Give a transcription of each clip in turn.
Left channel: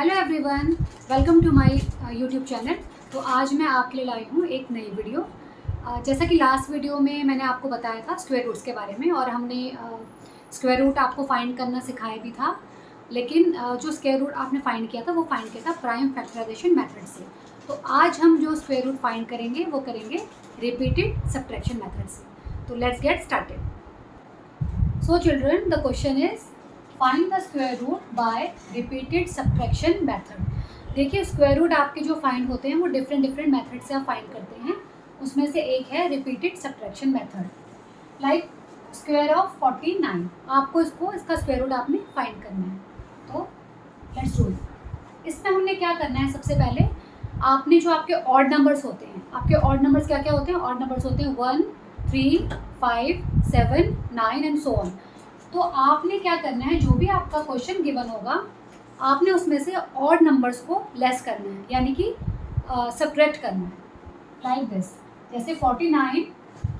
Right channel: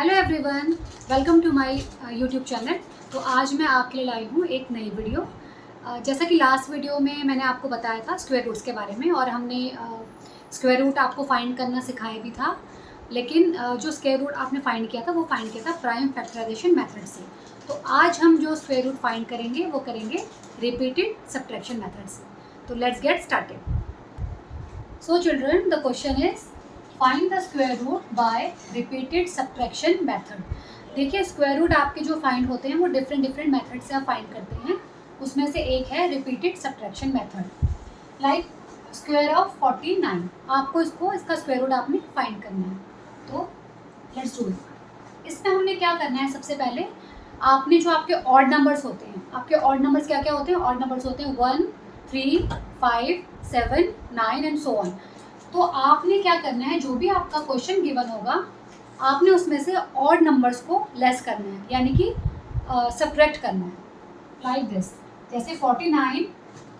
Hello everyone, welcome to my YouTube channel. तो आज मैं आपके लिए लाई हूँ एक नई वीडियो। जैसा कि लास्ट वीडियो में मैंने आपको बताया था स्क्वायर रूट्स के बारे में, और हमने स्क्वायर रूट आपको फाइंड करना सिखाया भी था। लेकिन जो स्क्वायर रूट आपने फाइंड किया था वो फाइंड किया था प्राइम फैक्टराइजेशन मेथड से। तो आज हम जो स्क्वायर रूट फाइंड करेंगे वो करेंगे रिपीटेड सब्ट्रैक्शन मेथड से। तो let's get started. So children, the question is find the square root by repeated subtraction method. देखिए, स्क्वायर रूट आपके जो फाइंड होते हैं वो डिफरेंट मेथड से आप फाइंड करते हैं। उसमें से एक है repeated subtraction method. Like square of 49, आपको इसका स्क्वायर रूट आपने फाइंड करना है। तो लेट्स डू इट। इसमें हमने क्या करना है, सबसे पहले आपने जो आपके ऑड नंबर्स होते हैं, आपके ऑड नंबर्स क्या क्या होते हैं? ऑड नंबर्स होते हैं 1, 3, 5, 7, 9 एंड सो ऑन। तो आपने क्या करना है, जो भी आपका क्वेश्चन गिवन होगा आपने उसमें से ऑड नंबर्स को लेस करना है, यानी कि सब्ट्रैक्ट करना है। लाइक दिस, जैसे 49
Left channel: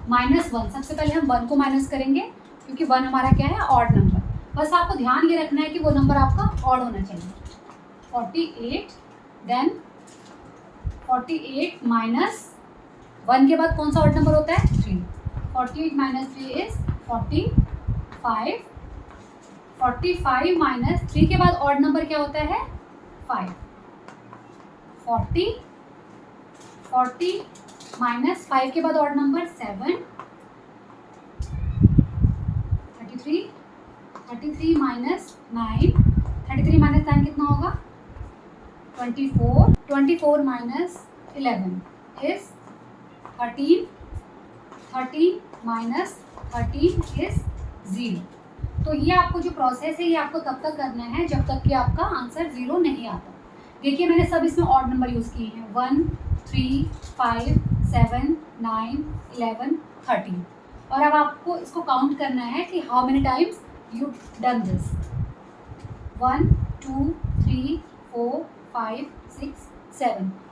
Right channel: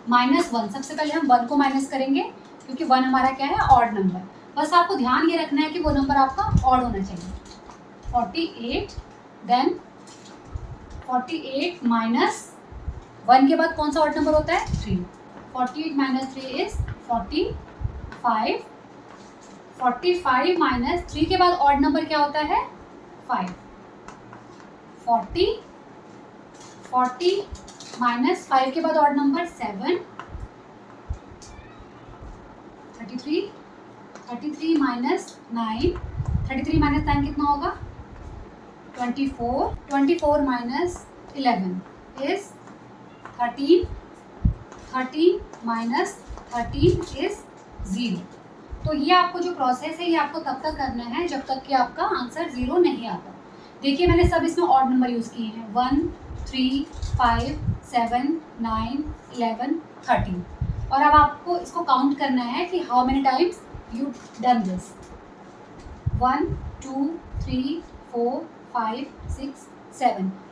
माइनस 1, सबसे पहले हम 1 को माइनस करेंगे क्योंकि 1 हमारा क्या है, ऑड नंबर। बस आपको ध्यान ये रखना है कि वो नंबर आपका ऑड होना चाहिए। 48, देन 48 माइनस 1 के बाद कौन सा ऑड नंबर होता है? 3। 48 माइनस 3 इज 45। 45 माइनस 3 के बाद ऑड नंबर क्या होता है? 5। 40 माइनस 5 के बाद ऑड नंबर 7। 33 माइनस 9, 33 माइनस 9 कितना होगा? 24 माइनस 11 इज 13। 13 minus 13 is 0। तो ये आपको जो प्रोसेस है ये आपको तब तक करना है जब तक कि आपका आंसर 0 नहीं आता। देखिए, मैंने सब इसमें ऑड नंबर यूज़ किए हैं, 1, 3, 5, 7, 9, 11, 13। और अब आपको इसको काउंट करना है कि how many times you done this. 1, 2, 3, 4, 5, 6,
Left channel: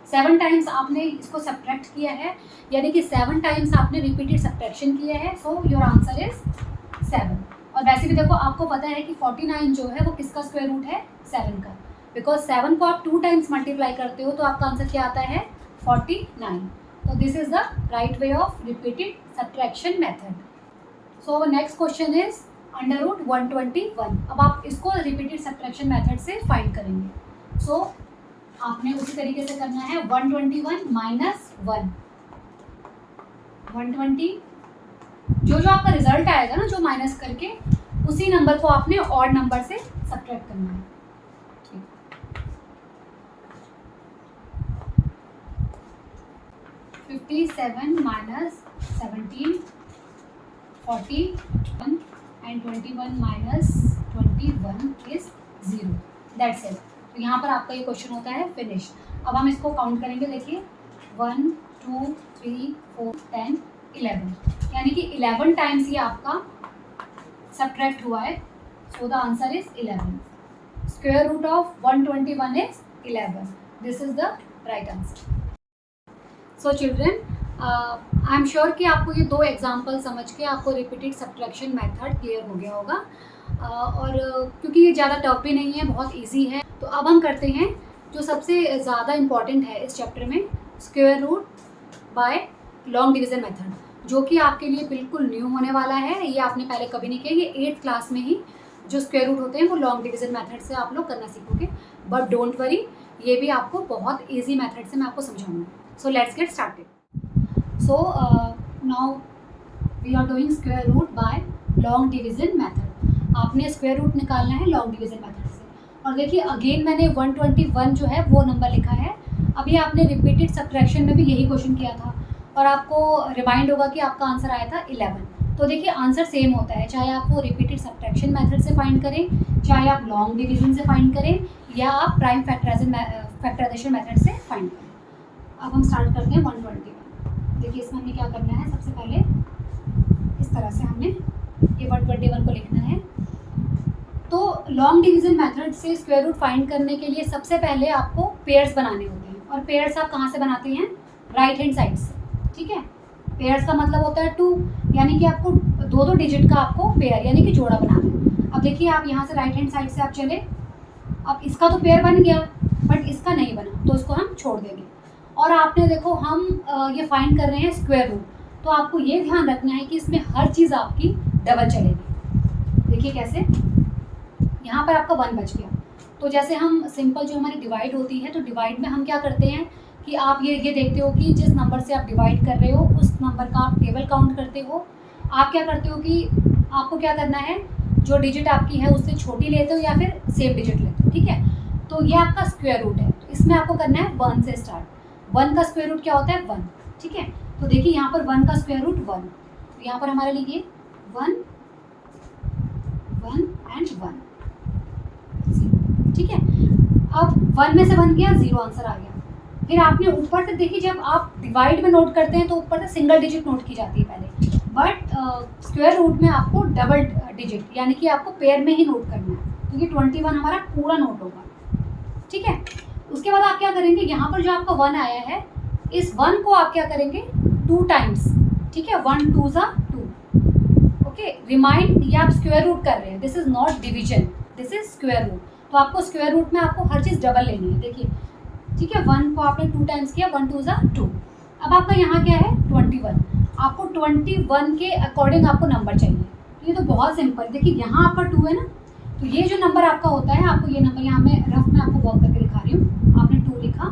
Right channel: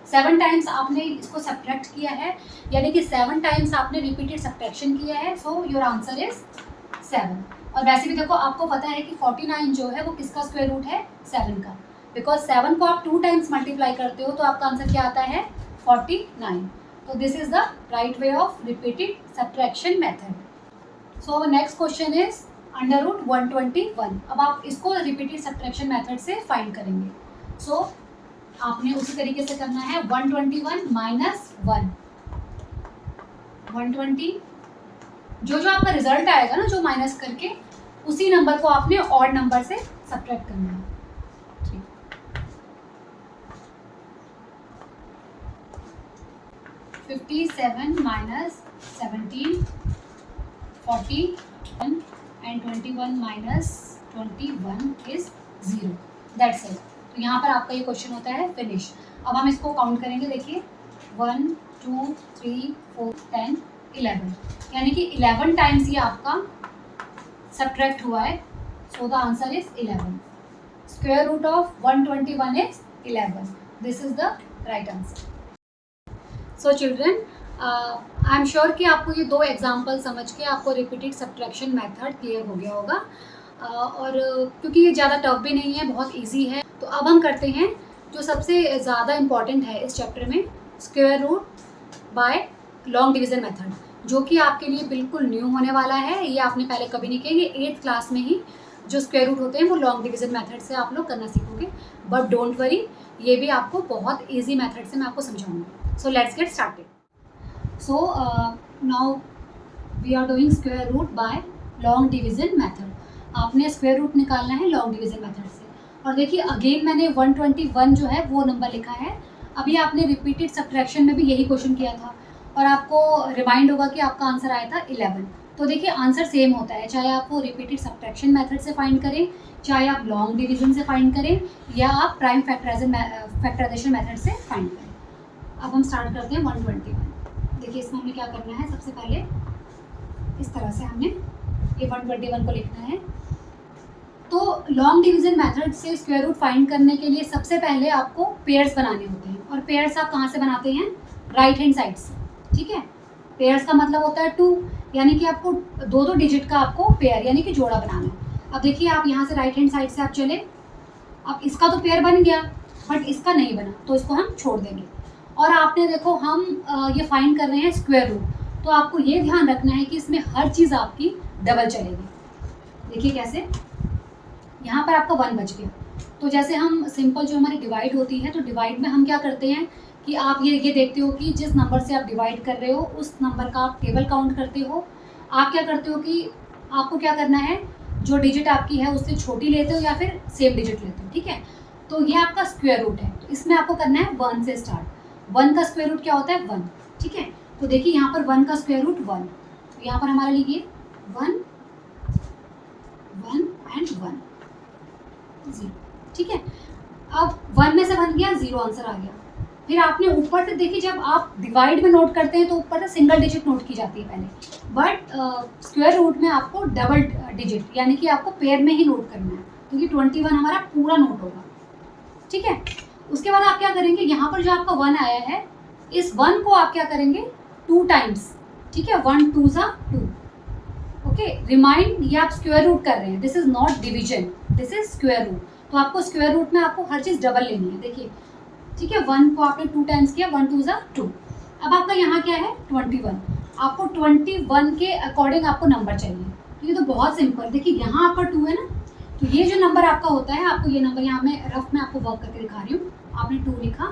7 times आपने इसको सब्ट्रैक्ट किया है, यानी कि 7 टाइम्स आपने रिपीटेड सब्ट्रैक्शन किया है। So your answer is 7। और वैसे भी देखो, आपको पता है कि 49 जो है वो किसका स्क्वायर रूट है? 7 का। बिकॉज 7 को आप 2 टाइम्स मल्टीप्लाई करते हो तो आपका आंसर क्या आता है? 49। तो this is the right way of repeated subtraction method. So next question is under root 121। अब आप इसको रिपीटेड सब्ट्रैक्शन मेथड से फाइंड करेंगे। सो आपने उसी तरीके से करना है, 121 माइनस 1। 120, जो आपका रिजल्ट आएगा ना, जो माइनस करके, उसी नंबर को आपने ऑड नंबर से सब्ट्रैक्ट करना है। ठीक, 57 minus 17, 41 and 21 minus 21 is 0। That's it. तो यहाँ पर आपका ये क्वेश्चन होता है फिनिश। अब हम इसको काउंट करेंगे। देखिए, 1, 2, 3, 4, 10, 11, यानी कि 11 टाइम्स ये आपका सब्ट्रैक्ट हुआ है। So the answer is 11। Square root of 121 is 11। This is the right answer. So children, I am sure कि आपको ये 2 एग्जाम्पल समझ के आपको रिपीटेड सब्ट्रैक्शन मेथड क्लियर हो गया होगा। और क्योंकि ये ज़्यादा टफ भी नहीं है, बहुत ईजी है। तो अब हम करते हैं जो सबसे ज़्यादा इम्पॉर्टेंट है इस चैप्टर में, square root by long division method, जो कि आपके लिए बिल्कुल न्यू होने वाला है। ये आपने पहले कभी नहीं किया। ये 8th क्लास में ही जो स्क्वायर रूट होते हैं वो लॉन्ग डिवीज़न मेथड से आप लोग करना सीखोगे। बट डोंट वरी, ये भी आपको बहुत ईजी मेथड से मैं आपको समझाऊंगी। So let's get started. So now we are doing square root by long division method. आपने स्क्वायर रूट निकालना है लॉन्ग डिवीज़न मेथड से। और देखिए, अगेन मैंने 121 जो है वो नंबर लिखा है। अभी आपने रिपीटेड सब्ट्रैक्शन में भी यही क्वेश्चन किया था, और आपको रिमाइंड होगा कि आपका आंसर आया था 11। तो देखिए, आंसर सेम होता है, चाहे आप वो रिपीटेड सब्ट्रैक्शन मेथड से फाइंड करें, चाहे आप लॉन्ग डिवीज़न से फाइंड करें, या आप प्राइम फैक्टराइजेशन मेथड से फाइंड करें। अब हम स्टार्ट करते हैं 121। देखिए, इसमें हमें क्या करना है, सबसे पहले इस तरह से हमने ये 121 को लिखना है। तो लॉन्ग डिवीज़न मेथड से स्क्वायर रूट फाइंड करने के लिए सबसे पहले आपको पेयर्स बनाने होते हैं। और पेयर्स आप कहाँ से बनाते हैं? राइट हैंड साइड से। ठीक है, पेयर्स का मतलब होता है 2, यानी कि आपको 2 डिजिट का आपको पेयर यानी कि जोड़ा बनाना है। अब देखिए, आप यहाँ से राइट हैंड साइड से आप चले, अब इसका तो पेयर बन गया, बट इसका नहीं बना, तो इसको हम छोड़ देंगे। और आपने देखो हम ये फाइंड कर रहे हैं स्क्वायर रूट, तो आपको ये ध्यान रखना है कि इसमें हर चीज़ आपकी डबल चलेगी। देखिए कैसे, यहाँ पर आपका 1 बच गया, तो जैसे हम सिंपल जो हमारी डिवाइड होती है, तो डिवाइड में हम क्या करते हैं कि आप ये देखते हो कि जिस नंबर से आप डिवाइड कर रहे हो उस नंबर का आप टेबल काउंट करते हो। आप क्या करते हो कि आपको क्या करना है, जो डिजिट आपकी है उससे छोटी लेते हो या फिर सेम डिजिट लेते हो, ठीक है। तो ये आपका स्क्वायर रूट है, तो इसमें आपको करना है 1 से स्टार्ट। 1 का स्क्वायर रूट क्या होता है 1, ठीक है। तो देखिए यहाँ पर 1 का स्क्वायर रूट 1, तो यहाँ पर हमारा लिखिए 1 1 एंड 1, ठीक है। अब 1 में से 1 गया, 0 आंसर आ गया। फिर आपने ऊपर से देखिए, जब आप डिवाइड में नोट करते हैं तो ऊपर से सिंगल डिजिट नोट की जाती है पहले, बट स्क्वायर रूट में आपको डबल डिजिट यानी कि आपको पेयर में ही नोट करना है, क्योंकि 21 हमारा पूरा नोट होगा, ठीक है। उसके बाद आप क्या करेंगे, यहाँ पर जो आपका 1 आया है, इस 1 को आप क्या करेंगे 2 टाइम्स, ठीक है। 1 2 ज़ा 2, ओके। रिमाइंड, ये आप स्क्वायर रूट कर रहे हैं, this is not division, this is square root. तो आपको स्क्वायर रूट में आपको हर चीज़ डबल लेनी है, देखिए, ठीक है। 1 को आपने 2 टाइम्स किया, 1 2 ज़ा 2। अब आपका यहाँ क्या है 21, आपको 21 के अकॉर्डिंग आपको नंबर चाहिए। तो ये तो बहुत सिंपल, देखिए यहाँ आपका 2 है ना, तो ये जो नंबर आपका होता है, आपको ये नंबर यहाँ मैं रफ में आपको वर्क करके दिखा रही हूँ। आपने 2 लिखा,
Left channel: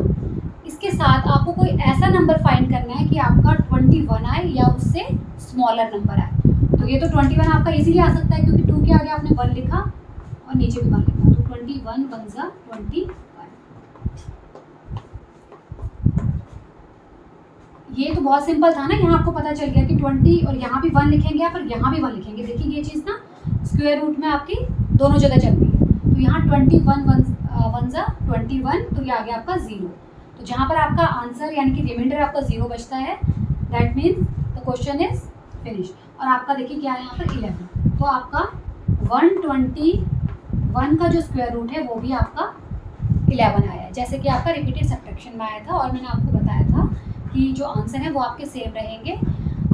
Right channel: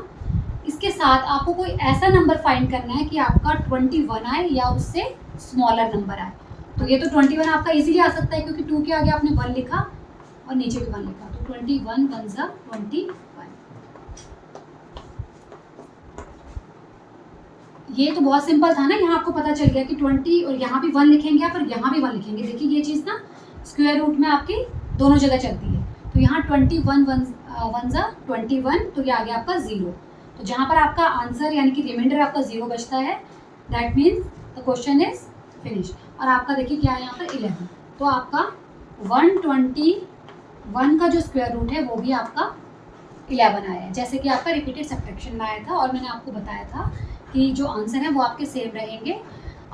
इसके साथ आपको कोई ऐसा नंबर फाइंड करना है कि आपका 21 आए या उससे स्मॉलर नंबर आए। तो ये तो 21 आपका इजीली आ सकता है, क्योंकि 2 के आगे आपने 1 लिखा और नीचे भी 1 लिखा, तो 21 1 ज़ा 21। ये तो बहुत सिंपल था ना, यहाँ आपको पता चल गया कि 20, और यहाँ भी 1 लिखेंगे आप और यहाँ भी 1 लिखेंगे। देखिए ये चीज़ ना स्क्वायर रूट में आपकी दोनों जगह चलती है। तो यहाँ 21 1 ज़ा 21, तो ये आ गया आपका 0। तो जहाँ पर आपका आंसर यानी कि रिमाइंडर आपका 0 बचता है, that means the question is finish. और आपका देखिए क्या है यहाँ पर 11, तो आपका 121 का जो स्क्वायर रूट है वो भी आपका 11 आया है, जैसे कि आपका रिपीटेड सब्ट्रैक्शन में आया था। और मैंने आपको बताया था कि जो आंसर है वो आपके सेम रहेंगे,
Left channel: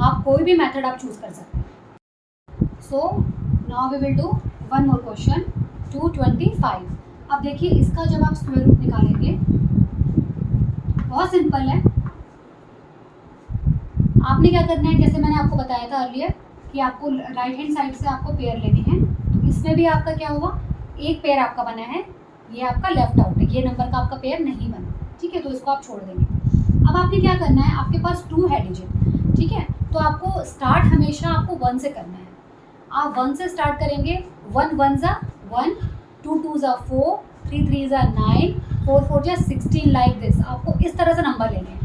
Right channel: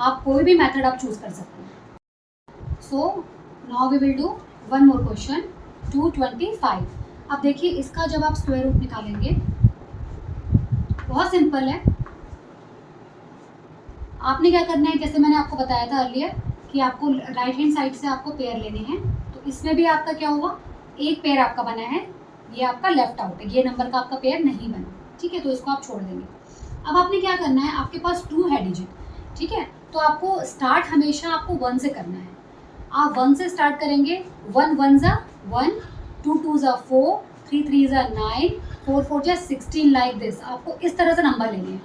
आप कोई भी मेथड आप चूज़ कर सकते हैं। So now we will do one more question 225। अब देखिए इसका जब आप स्क्वायर रूट निकालेंगे, बहुत सिंपल है। आपने क्या करना है, जैसे मैंने आपको बताया था अर्लियर कि आपको राइट हैंड साइड से आपको पेयर लेने हैं। तो इसमें भी आपका क्या हुआ, एक पेयर आपका बना है, ये आपका लेफ्ट आउट है, ये नंबर का आपका पेयर नहीं बना, ठीक है। तो इसको आप छोड़ देंगे। अब आपने क्या करना है, आपके पास 2 है डिजिट, ठीक है। तो आपको स्टार्ट हमेशा आपको 1 से करना है। आप 1 से स्टार्ट करेंगे, 1 1 ज़ा 1, 2 2 ज़ा 4, 3 3 ज़ा 9, 4 4 ज़ा 16, लाइक दिस। आपको इस तरह से नंबर लेने हैं।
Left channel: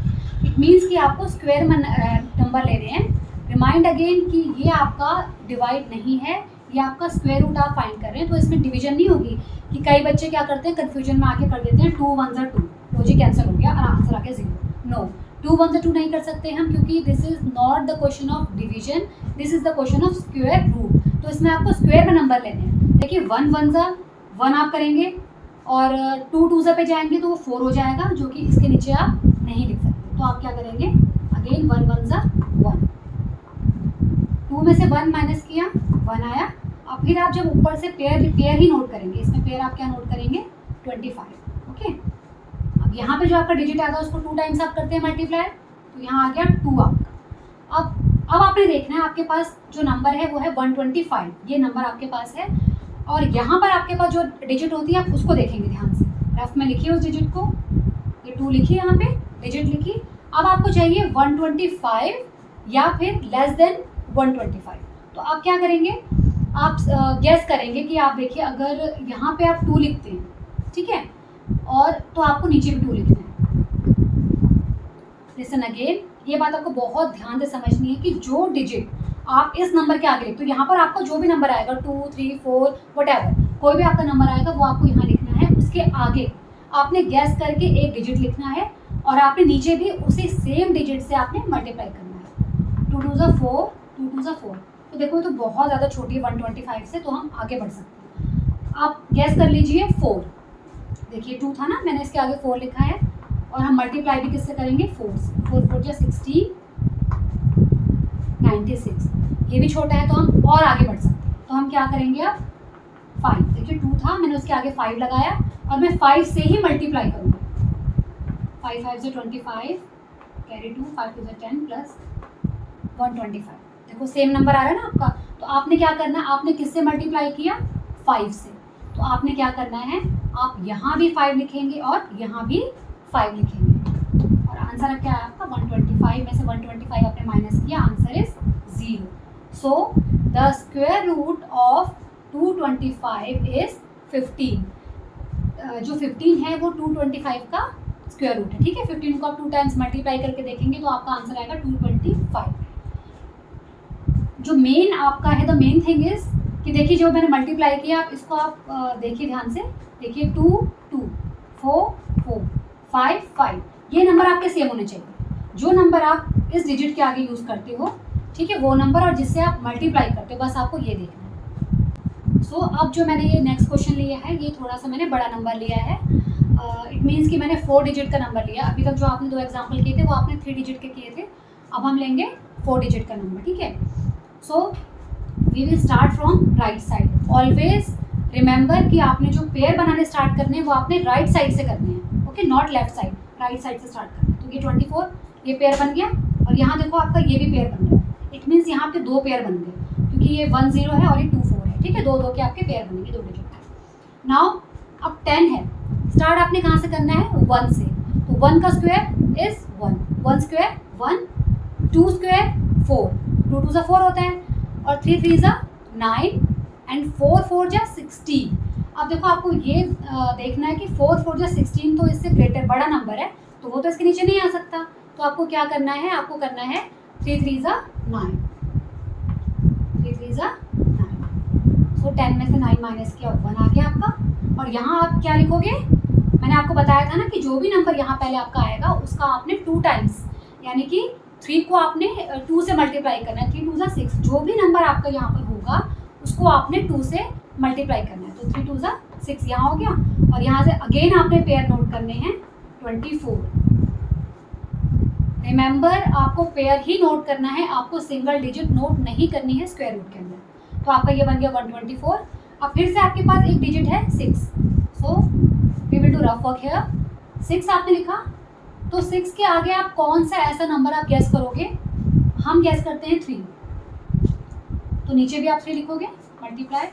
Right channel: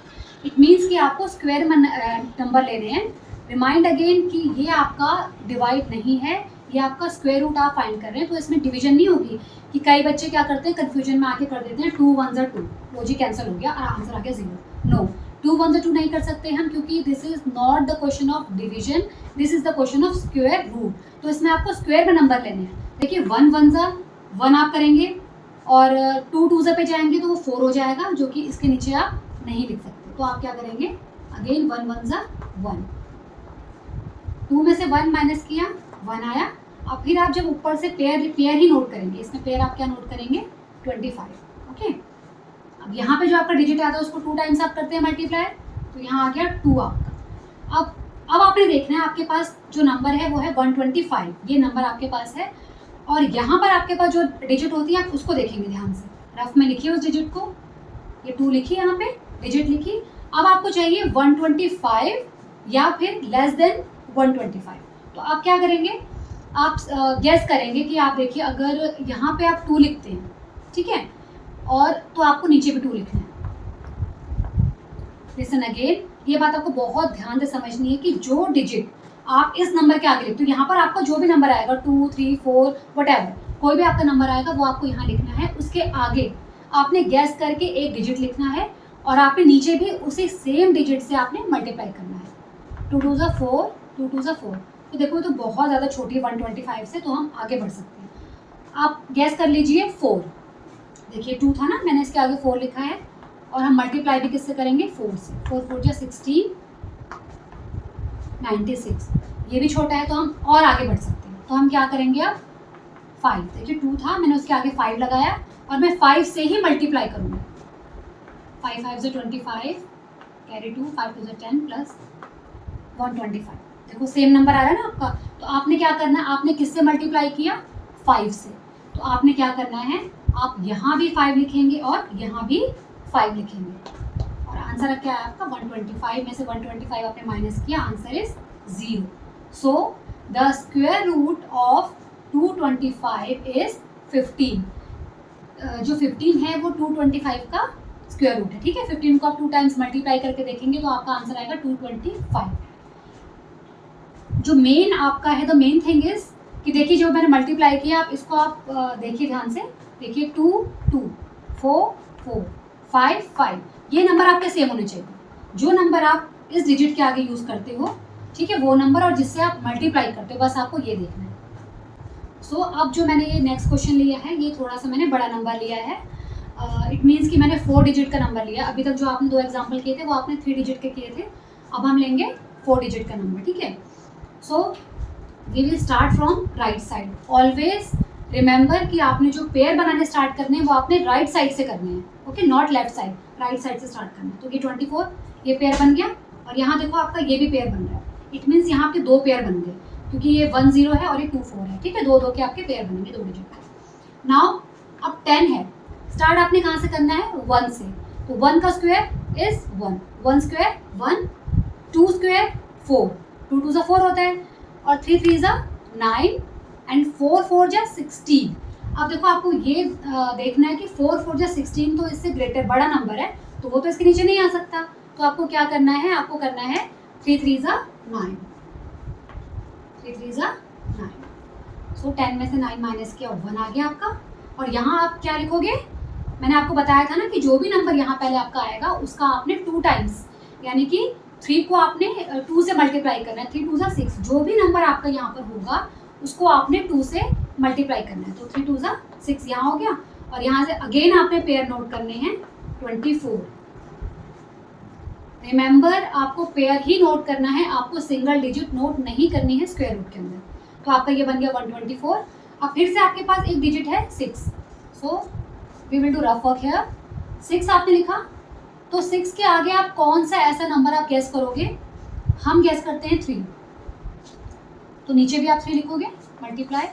इट मीन्स कि आपको स्क्वायर में नंबर लेने हैं। रिमाइंड अगेन कि ये आपका डिवाइड नहीं है, ये आपका स्क्वायर रूट आप फाइंड कर रहे हैं, तो इसमें डिवीजन नहीं होगी। कि कई बच्चे क्या करते हैं, कन्फ्यूजन में आके कर देते हैं 2 1 ज़ा 2, लॉजिक कैंसिल हो गया और आंसर आ गया 0। नो, 2 1 ज़ा 2 नहीं कर सकते हम, क्योंकि this is not the question of division, this is the question of square root. तो इसमें आपको स्क्वायर में नंबर लेने हैं। देखिए 1 1 ज़ा 1 आप करेंगे, और 2 2 ज़ा पे जाएंगे तो वो 4 हो जाएगा, जो कि इसके नीचे आप नहीं लिख सकते। तो आप क्या करेंगे, अगेन 1 1 ज़ा 1, 2 में से 1 माइनस किया, 1 आया। अब फिर आप जब ऊपर से पेयर ही नोट करेंगे, इसमें पेयर आप क्या नोट करेंगे 25, ओके। अब यहाँ पे जो आपका डिजिट आता है उसको 2 टाइम्स आप करते हैं मल्टीप्लाई, तो यहाँ आ गया 2 आपका। अब आपने देखना है आपके पास जो नंबर है वो है 125, ये नंबर आपके पास है। और यहाँ पर आपके पास जो डिजिट होती है आप उसको देखेंगे ध्यान से, रफ में लिखिए उस डिजिट को, ये 2 लिखिए, यहाँ पे डिजिट लिखिए। अब आपको चाहिए 125 या फिर लेस देन 125। तो आप क्या करेंगे, आप गैस करेंगे कि आप देखिए अगर यहाँ पे आप 2 लिखते हैं, ठीक है, और तो आपको नीचे भी 2 लिखना है। लिसन अगेन, ये बात आपको बहुत ध्यान से समझनी है कि जो डिजिट आप इस नंबर के आगे लिखते हो, यहाँ पर आपका जो भी नंबर आएगा 2 3 4 वटएवर, कोई भी आपका नंबर आएगा वो आपको यहाँ लिखना है। उसके आगे आपने गैस करके एक डिजिट लिखना है, और आपने नीचे भी उसी सेम डिजिट से आपने मल्टीप्लाई करना है। 2 2 ज़ा 4, 2 2 ज़ा 4। तो देखो तो बहुत ज़्यादा छोटी है 125 से, तो हम आगे बढ़ सकते हैं। आप गैस कर लीजिए 4, देखिए 2 था ना, मैंने इसके आगे 4 लिखा है, और हम मल्टीप्लाई भी किससे करेंगे 4 से। 4 4 जा 16, 96। ये भी छोटा है तो हम और आगे बढ़ सकते हैं। तो हम क्या करेंगे अब 5, देखिए 2 था, मैंने उसके आगे 5 लगाया, और मैं 5 से ही मल्टीप्लाई करूँगा। 5 5 से 25, कैरी 2, 5 2 से 10 प्लस 125। देखो सेम नंबर आ रहा है ना आपका। तो आपने क्या करना है, आपने किससे मल्टीप्लाई किया, 5 से। तो आपने क्या करना है, आप यहाँ भी 5 लिखेंगे और यहाँ भी 5 लिखेंगे और आंसर क्या है आपका 125 में से 125 आपने माइनस किया, answer is 0। So the square root of 225 is 15। जो 15 है वो 225 का स्क्वायर रूट है, ठीक है। 15 को आप 2 टाइम्स मल्टीप्लाई करके देखेंगे तो आपका आंसर आएगा 225। जो मेन आपका है, द मेन थिंग इज कि देखिए जो मैंने मल्टीप्लाई किया, आप इसको आप देखिए ध्यान से, देखिए 2 2 4 4 5 5, ये नंबर आपके सेम होने चाहिए। जो नंबर आप इस डिजिट के आगे यूज़ करते हो, ठीक है, वो नंबर और जिससे आप मल्टीप्लाई करते हो, बस आपको ये देखना है। सो अब जो मैंने ये नेक्स्ट क्वेश्चन लिया है, ये थोड़ा सा मैंने बड़ा नंबर लिया है। इट मीन्स कि मैंने 4 डिजिट का नंबर लिया। अभी तक जो आपने 2 एग्जाम्पल किए थे वो आपने 3 डिजिट के किए थे, अब हम लेंगे 4 डिजिट का नंबर, ठीक है। So we will start from right side. Always remember कि आपने जो पेयर बनाने स्टार्ट करने हैं वो आपने राइट साइड से करनी है, okay, not left side, right side से स्टार्ट करना है। तो ये 24 ये पेयर बन गया और यहाँ देखो आपका ये भी पेयर बन रहा है। इट मीन्स यहाँ आपके 2 पेयर बन गए, क्योंकि ये 1 0 है और ये 2 4 है, ठीक है। 2 2 के आपके पेयर बनेंगे, 2 डिजिट। नाउ अब 10 है, स्टार्ट आपने कहाँ से करना है, 1 से। तो 1 का स्क्वायर इज 1, 1 स्क्वायर 1, 2 स्क्वायर 4, 2 2 4 होता है और 3 3 9 एंड 4 4 16। अब देखो आपको ये देखना है कि 4 4 16 तो इससे ग्रेटर बड़ा नंबर है, तो वो तो इसके नीचे नहीं आ सकता। तो आपको क्या करना है, आपको करना है 3 3 9, 3 3 9। सो 10 में से 9 माइनस किया, 1 आ गया आपका। और यहाँ आप क्या लिखोगे, मैंने आपको बताया था ना कि जो भी नंबर यहाँ पहले आपका आएगा उसका आपने 2 टाइम्स, यानी कि 3 को आपने 2 से मल्टीप्लाई करना है। 3 2 6, जो भी नंबर आपका यहाँ पर होगा उसको आपने 2 से मल्टीप्लाई करना है। तो 3 2 6 यहाँ हो गया और यहाँ से अगेन आपने पेयर नोट करने हैं 24। रिमेंबर आपको पेयर ही नोट करना है, आपको सिंगल डिजिट नोट नहीं करनी है स्क्वायर रूट के अंदर। तो आपका ये बन गया 124। अब फिर से आपके पास एक डिजिट है 6, so we will do rough work here. 6 आपने लिखा, तो 6 के आगे आप कौन सा ऐसा नंबर आप गैस करोगे, हम गैस करते हैं 3, तो नीचे भी आप 3 लिखोगे, multiply,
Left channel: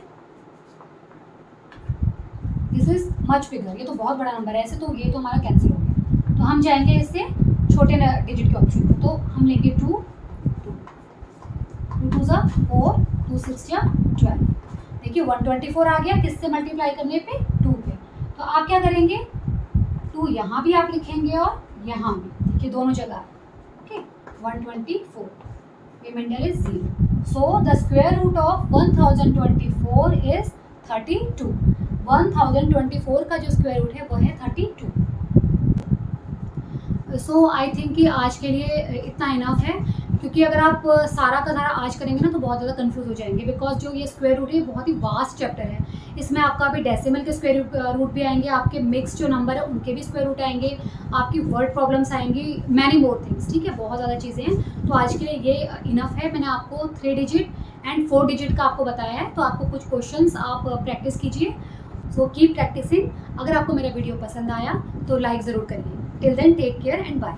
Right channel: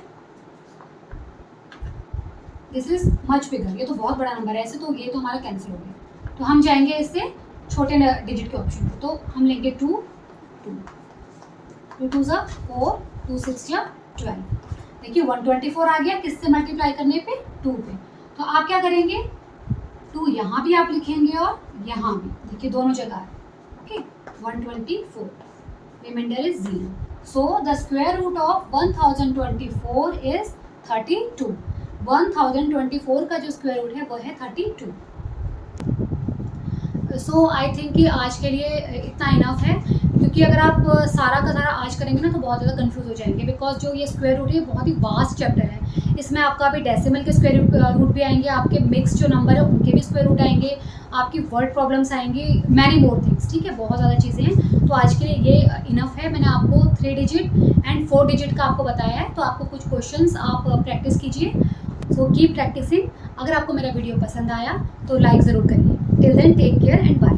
this is much bigger, ये तो बहुत बड़ा नंबर है ऐसे, तो ये तो हमारा कैंसिल हो गया। तो हम जाएंगे इससे छोटे डिजिट के ऑप्शन को, तो हम लेंगे 2 2 2 4, 2 6 12। देखिए 124 आ गया, किससे मल्टीप्लाई करने पे, 2 पे। तो आप क्या करेंगे, 2 यहाँ भी आप लिखेंगे और यहाँ भी, देखिए दोनों जगह, okay. 124, reminder is 0। So the square root of 1024 is 32। 1024 का जो स्क्वायर रूट है वो है 32। सो आई थिंक कि आज के लिए इतना इनफ है, क्योंकि अगर आप सारा का सारा आज करेंगे ना तो बहुत ज़्यादा कंफ्यूज हो जाएंगे, बिकॉज जो ये स्क्वायर रूट है बहुत ही वास्ट चैप्टर है। इसमें आपका अभी डेसिमल के स्क्वायर रूट भी आएंगे, आपके मिक्स जो नंबर है उनके भी स्क्वायर रूट आएंगे, आपकी वर्ड प्रॉब्लम्स आएंगी, मैनी मोर थिंग्स, ठीक है, बहुत ज़्यादा चीज़ें हैं। तो आज के लिए ये इनफ है। मैंने आपको 3 डिजिट एंड 4 डिजिट का आपको बताया है, तो आपको कुछ क्वेश्चंस आप प्रैक्टिस कीजिए। So keep practising. अगर आपको मेरा वीडियो पसंद आया तो लाइक ज़रूर करिए। Till then take care and bye.